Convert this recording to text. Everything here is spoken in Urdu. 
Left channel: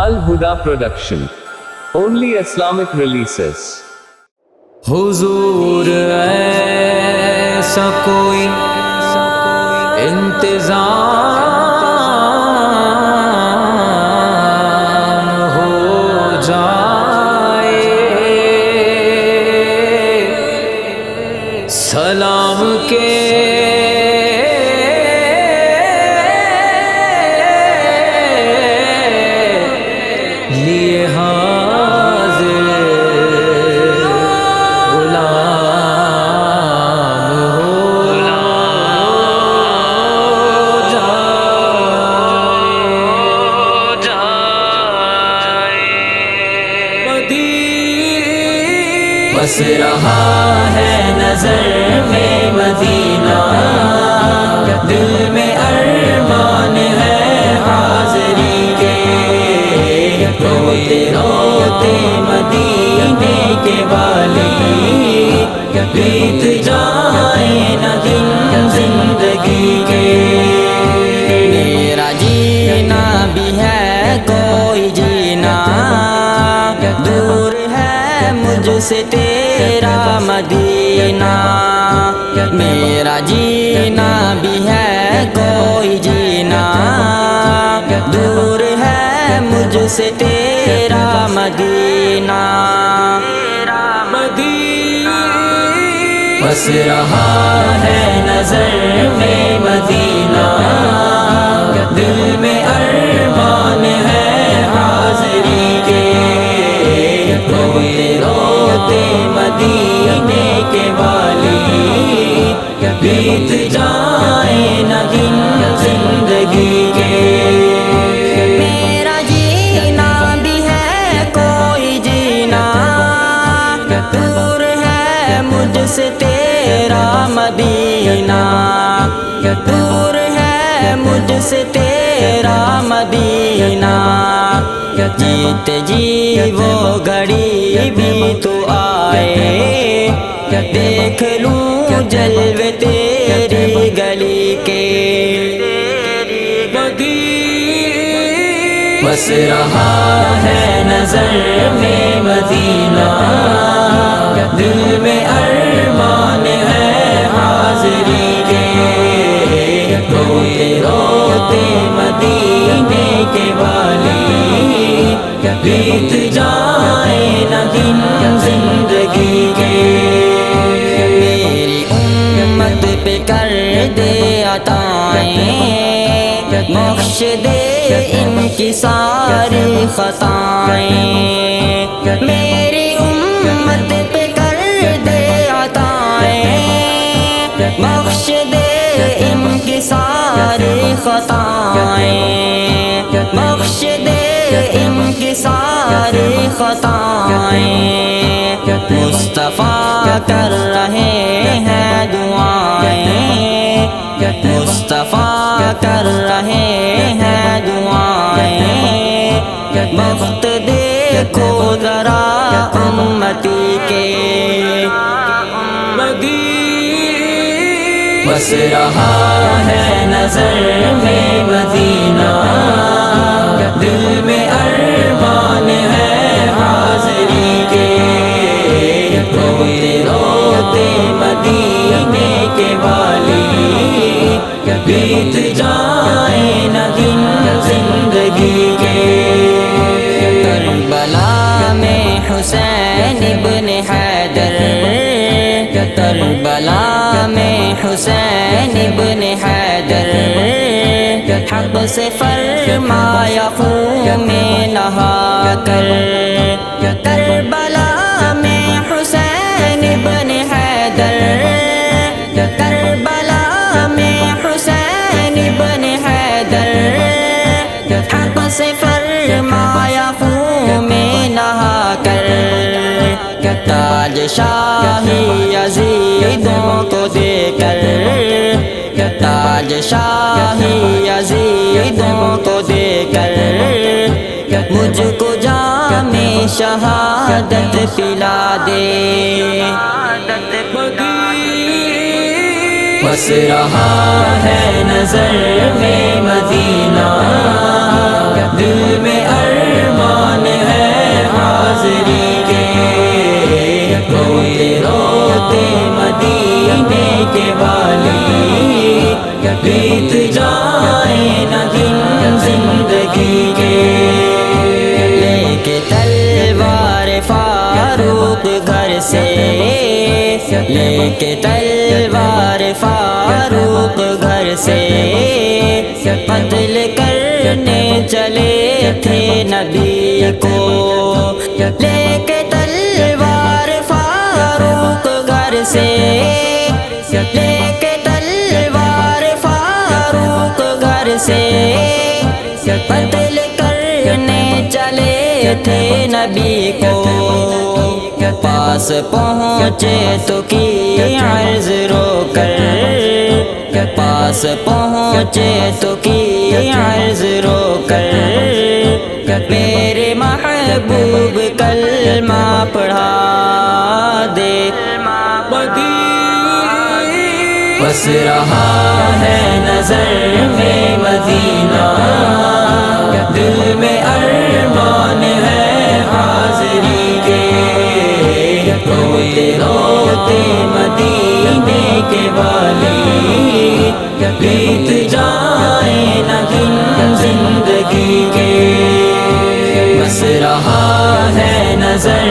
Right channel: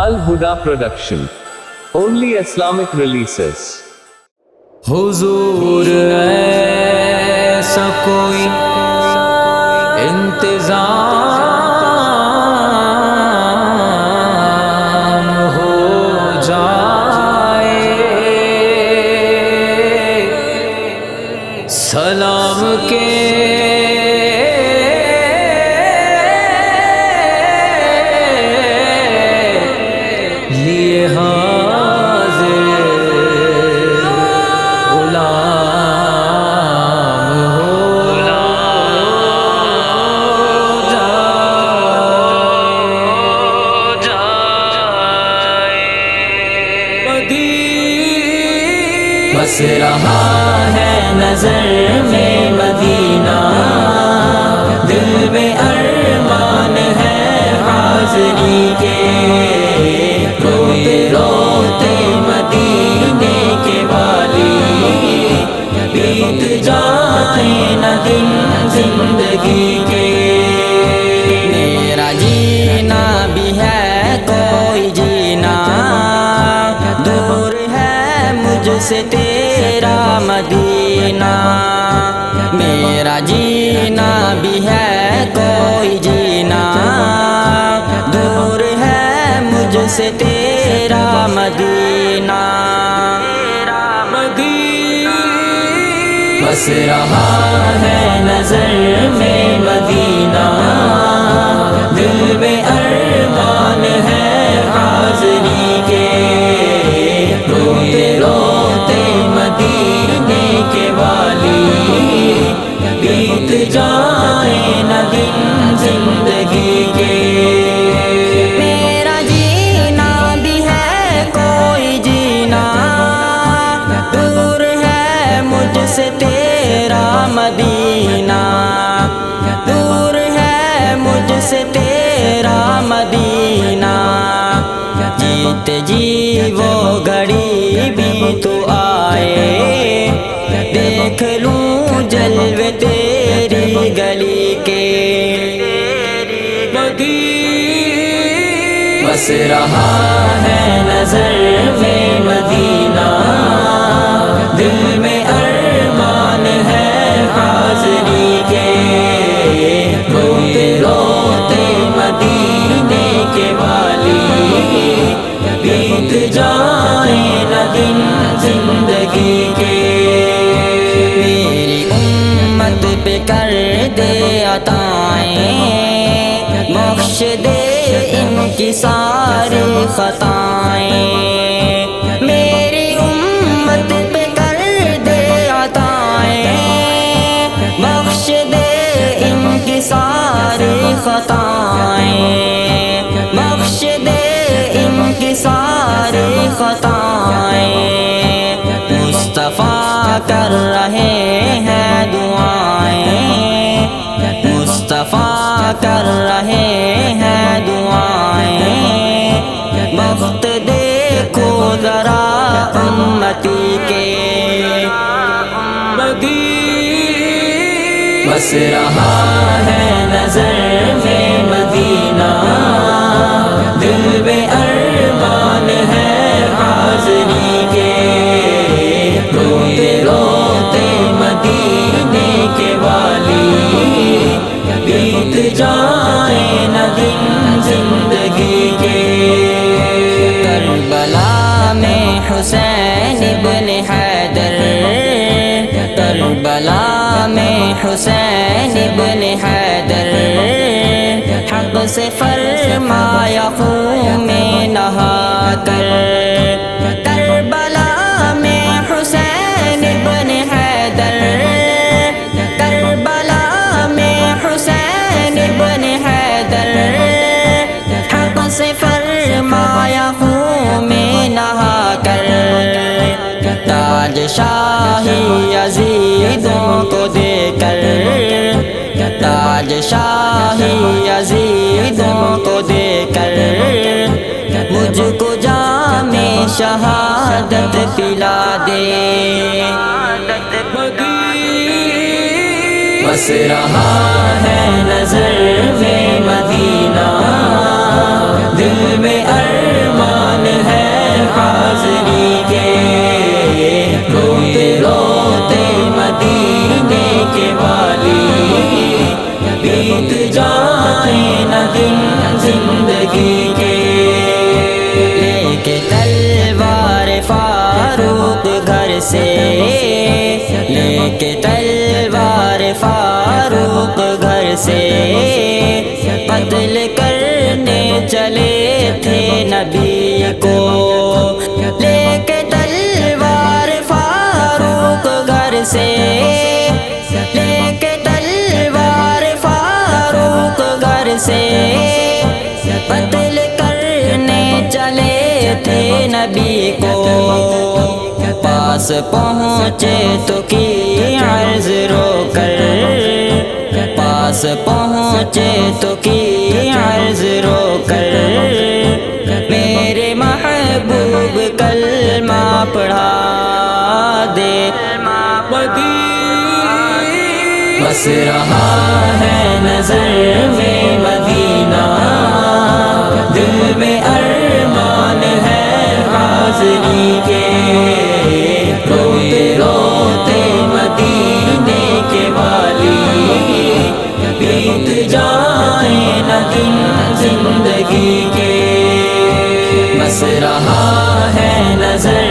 Al-Huda Production. Only Islamic releases. حضور ایسا کوئی انتظام ہو جائے، سلام کے لیے حاضر غلام ہو جائے۔ بس رہا ہے نظر میں مدینہ، دل میں ارمان ہے حاضری کے، کوئی روتے مدینے کے والی، بیت جائے نہ دن زندگی کے۔ میرا جینا بھی ہے کوئی جینا، دور ہے مجھ سے تیرا مدینہ۔ میرا جینا بھی ہے کوئی جینا، دور ہے مجھ سے تیرا مدینہ۔ بس رہا ہے نظر میں مدینہ، دل میں ارمان ہے حاضری کے، کوئی روتے مدینے کے والی، بیت جائے نہ دن زندگی کے۔ میرا جینا بھی ہے کوئی جینا، دور ہے مجھ سے تیرا مدینہ، دور ہے مجھ سے تیرا مدینہ۔ جیتے جی وہ گھڑی بھی تو آئے، دیکھ لوں جلوے تیری گلی کے۔ بس رہا ہے نظر میں مدینہ، دل میں ارمان ہے حاضری کے، کوئی روتے مدینے کے والی، بیت جائے نہ دن زندگی کے۔ میری امت پہ کر دے عطائیں، بخش دے ان کی ساری خطائیں۔ میری امت پہ کر دے عطائیں، بخش دے ان کی ساری خطائیں، بخش دے ان کی ساری خطائیں۔ مصطفیٰ کر رہے ہیں دعائیں، مصطفیٰ کر رہے ہیں دعائیں، بخت دیکھو ذرا امتی کے۔ بس رہا ہے نظر میں مدینہ، دل میں ارمان ہے حاضری کے، کوئی روتے مدینے کے والی، بیت جائے نہ دن زندگی کے۔ کربلا میں حسین ابن حیدر، کربلا میں حسین ابن حیدر، حق سے فرمایا خون میں نہا کر۔ کربلا میں حسین ابن حیدر، کربلا میں حسین ابن حیدر، حق سے فرمایا خون میں نہا کر۔ تاج شاہی یزیدوں کو دے کر، تاج شاہی یزیدوں کو دے کر، مجھ کو جام شہادت پلا دے۔ بس رہا ہے نظر میں مدینہ، دل میں سے لے کے تلوار فاروق گھر سے قتل کرنے چلے تھے نبی کو لے کے تلوار فاروق گھر سے لے کے تلوار فاروق گھر سے قتل کرنے چلے تھے نبی کو پاس پہنچے تو کی عرض رو کر پاس پہنچے تو کی عرض رو کر میرے محبوب کلمہ پڑھا دے بس رہا ہے نظر میں مدینہ دل میں ارمان ہے حاضری کے روتے روتے مدینے کے والی بیت جائیں نہ دن زندگی کے بس رہا ہے نظر